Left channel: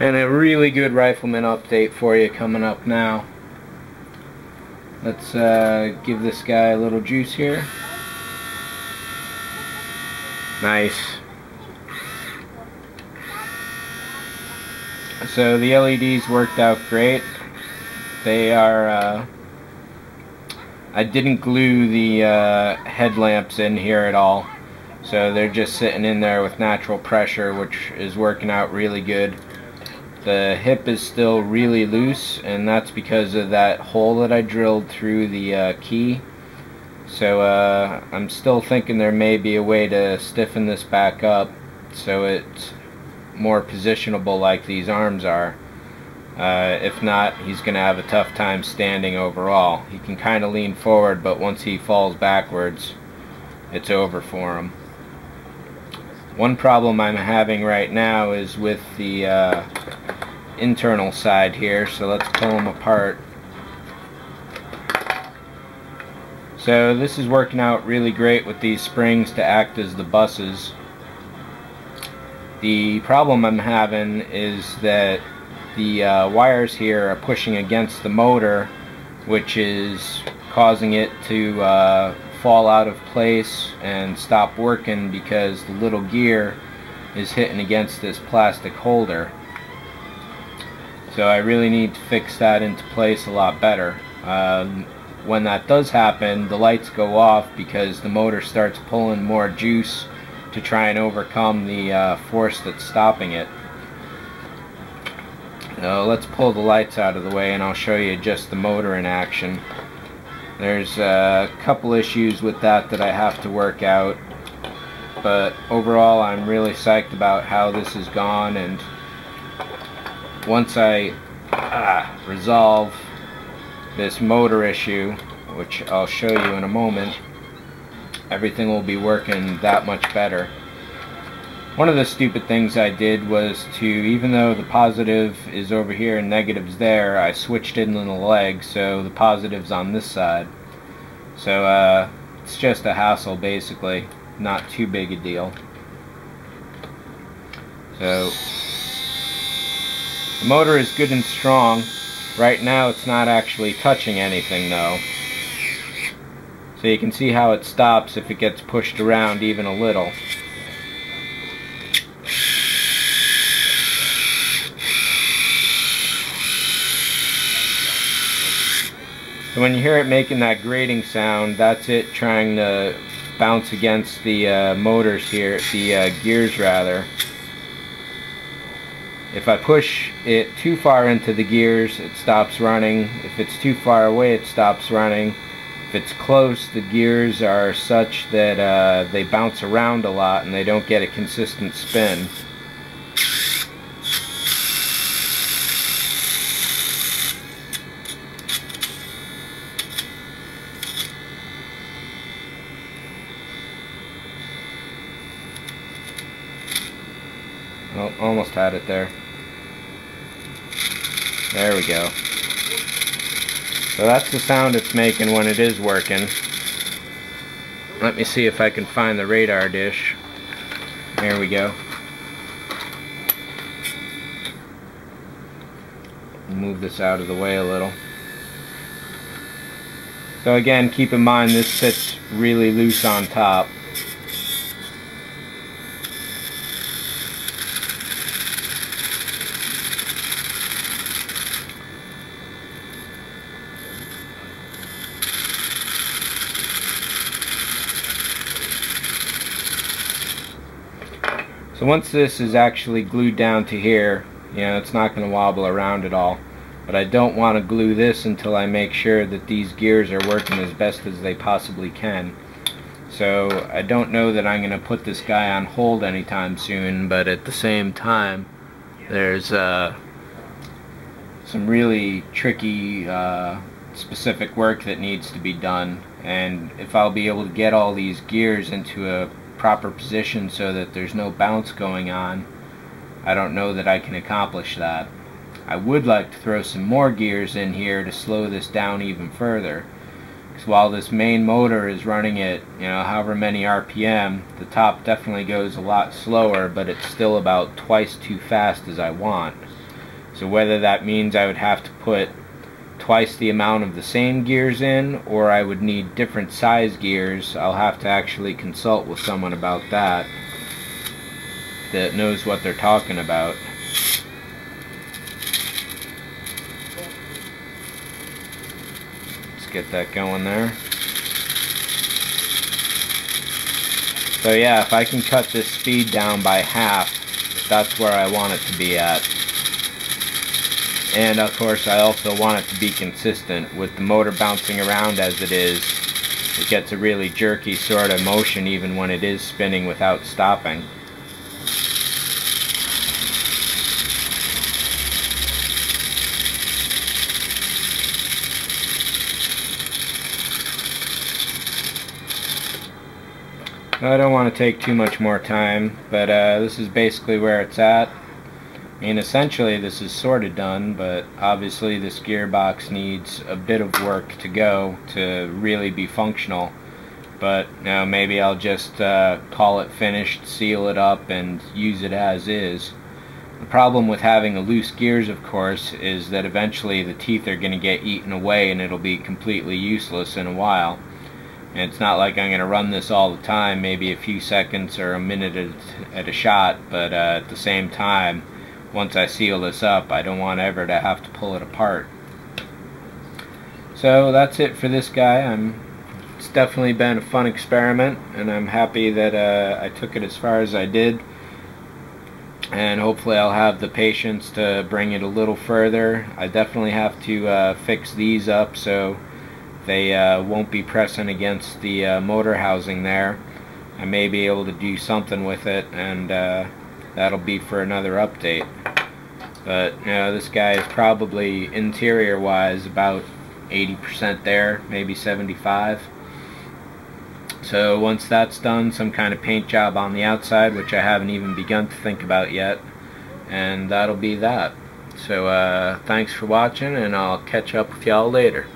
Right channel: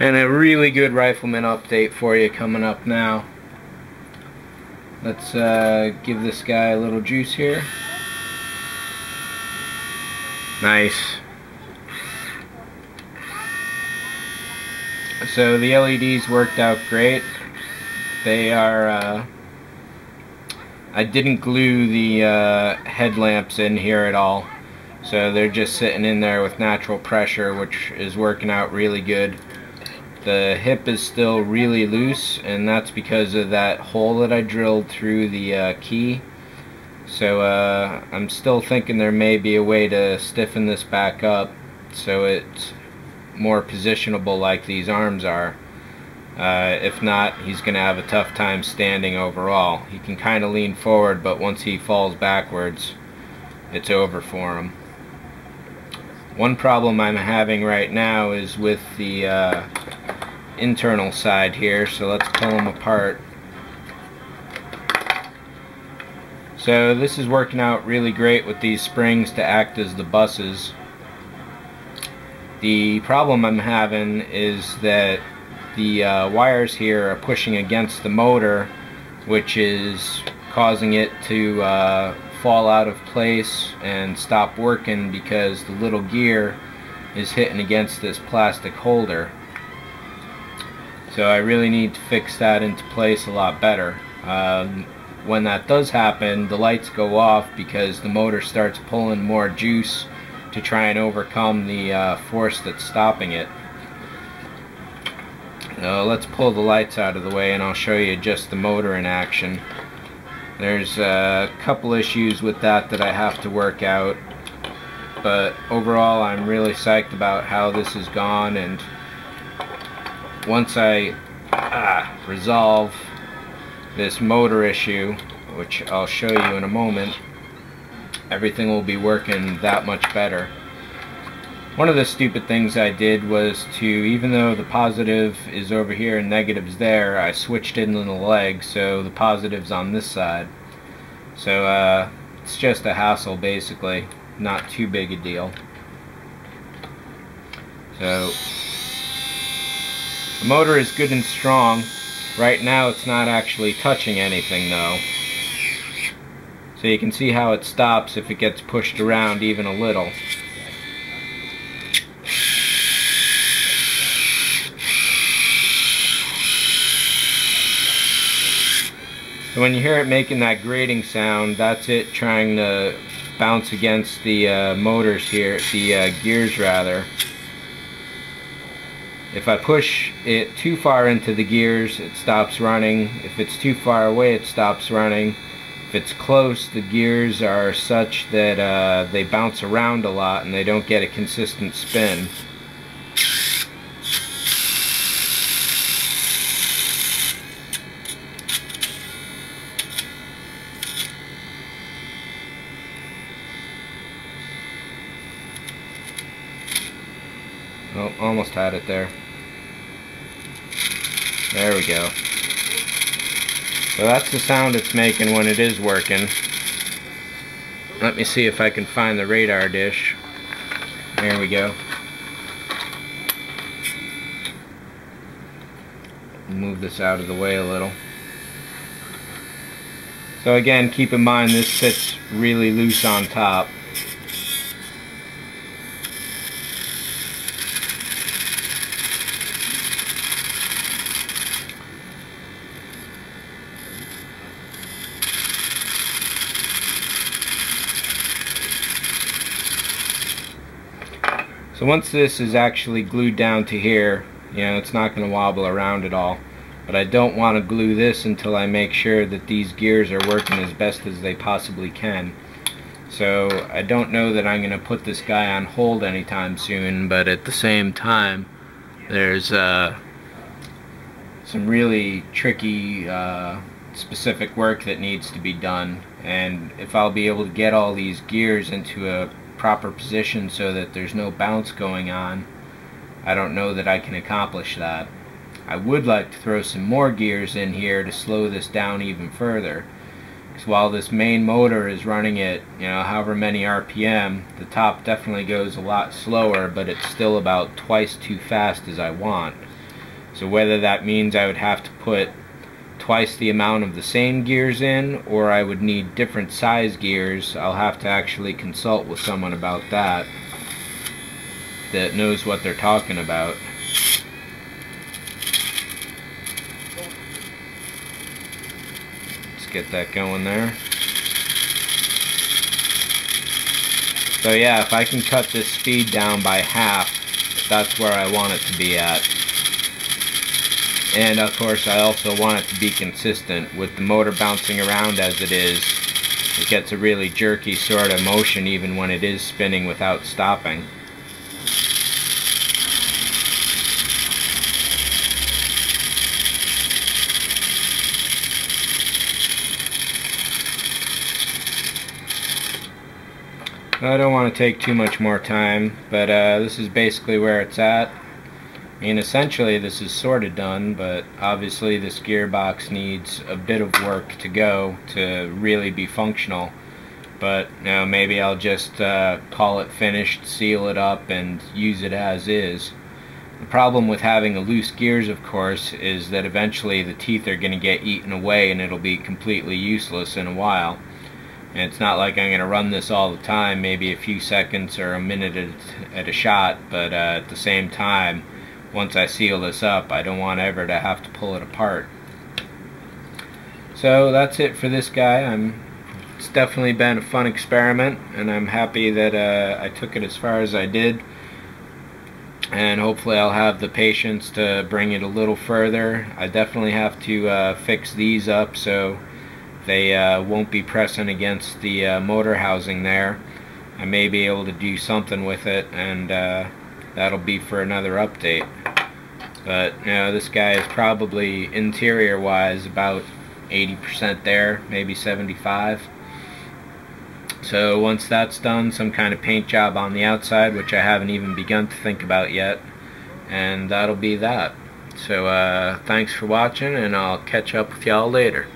And a really good Rifleman update for you coming up now. Let's give this guy a little juice here. Nice. So the LEDs worked out great. They are, I didn't glue the headlamps in here at all. So they're just sitting in there with natural pressure, which is working out really good. The hip is still really loose, and that's because of that hole that I drilled through the key. So I'm still thinking there may be a way to stiffen this back up so it's more positionable like these arms are. If not, he's going to have a tough time standing overall. He can kind of lean forward, but once he falls backwards, it's over for him. One problem I'm having right now is with the internal side here, so let's pull them apart. So this is working out really great with these springs to act as the buses. The problem I'm having is that the wires here are pushing against the motor, which is causing it to fall out of place and stop working because the little gear is hitting against this plastic holder. So I really need to fix that into place a lot better. When that does happen, the lights go off because the motor starts pulling more juice to try and overcome the force that's stopping it. Let's pull the lights out of the way and I'll show you just the motor in action. There's a couple issues with that I have to work out, but overall I'm really psyched about how this has gone, and once I resolve this motor issue, which I'll show you in a moment, everything will be working that much better. One of the stupid things I did was to, even though the positive is over here and negative's there, I switched it in the leg so the positive's on this side. So it's just a hassle basically, not too big a deal. So the motor is good and strong. Right now it's not actually touching anything though. So you can see how it stops if it gets pushed around even a little. So when you hear it making that grating sound, that's it trying to bounce against the motors here, the gears rather. If I push it too far into the gears, it stops running. If it's too far away, it stops running. If it's close, the gears are such that they bounce around a lot and they don't get a consistent spin. Oh, almost had it there. There we go. So that's the sound it's making when it is working. Let me see if I can find the radar dish. There we go. Move this out of the way a little. So again, keep in mind this sits really loose on top. So once this is actually glued down to here, you know, it's not going to wobble around at all. But I don't want to glue this until I make sure that these gears are working as best as they possibly can. So I don't know that I'm going to put this guy on hold anytime soon, but at the same time, there's some really tricky specific work that needs to be done. And if I'll be able to get all these gears into a proper position so that there's no bounce going on, I don't know that I can accomplish that. I would like to throw some more gears in here to slow this down even further. Because while this main motor is running at, you know, however many RPM, the top definitely goes a lot slower, but it's still about twice too fast as I want. So whether that means I would have to put twice the amount of the same gears in, or I would need different size gears, I'll have to actually consult with someone about that knows what they're talking about. Let's get that going there. So yeah, if I can cut this speed down by half, that's where I want it to be at. And of course I also want it to be consistent. With the motor bouncing around as it is, it gets a really jerky sort of motion even when it is spinning without stopping. I don't want to take too much more time, but this is basically where it's at. I mean, essentially this is sort of done, but obviously this gearbox needs a bit of work to go to really be functional. But you know, maybe I'll just call it finished, seal it up, and use it as is. The problem with having a loose gears, of course, is that eventually the teeth are going to get eaten away and it'll be completely useless in a while. And it's not like I'm going to run this all the time, maybe a few seconds or a minute at a shot, but at the same time, once I seal this up, I don't want ever to have to pull it apart. So that's it for this guy. It's definitely been a fun experiment, and I'm happy that I took it as far as I did. And hopefully I'll have the patience to bring it a little further. I definitely have to fix these up so they won't be pressing against the motor housing there. I may be able to do something with it, and that'll be for another update. But you know, this guy is probably interior wise about 80% there, maybe 75%. So once that's done, some kind of paint job on the outside, which I haven't even begun to think about yet, and that'll be that. So thanks for watching, and I'll catch up with y'all later.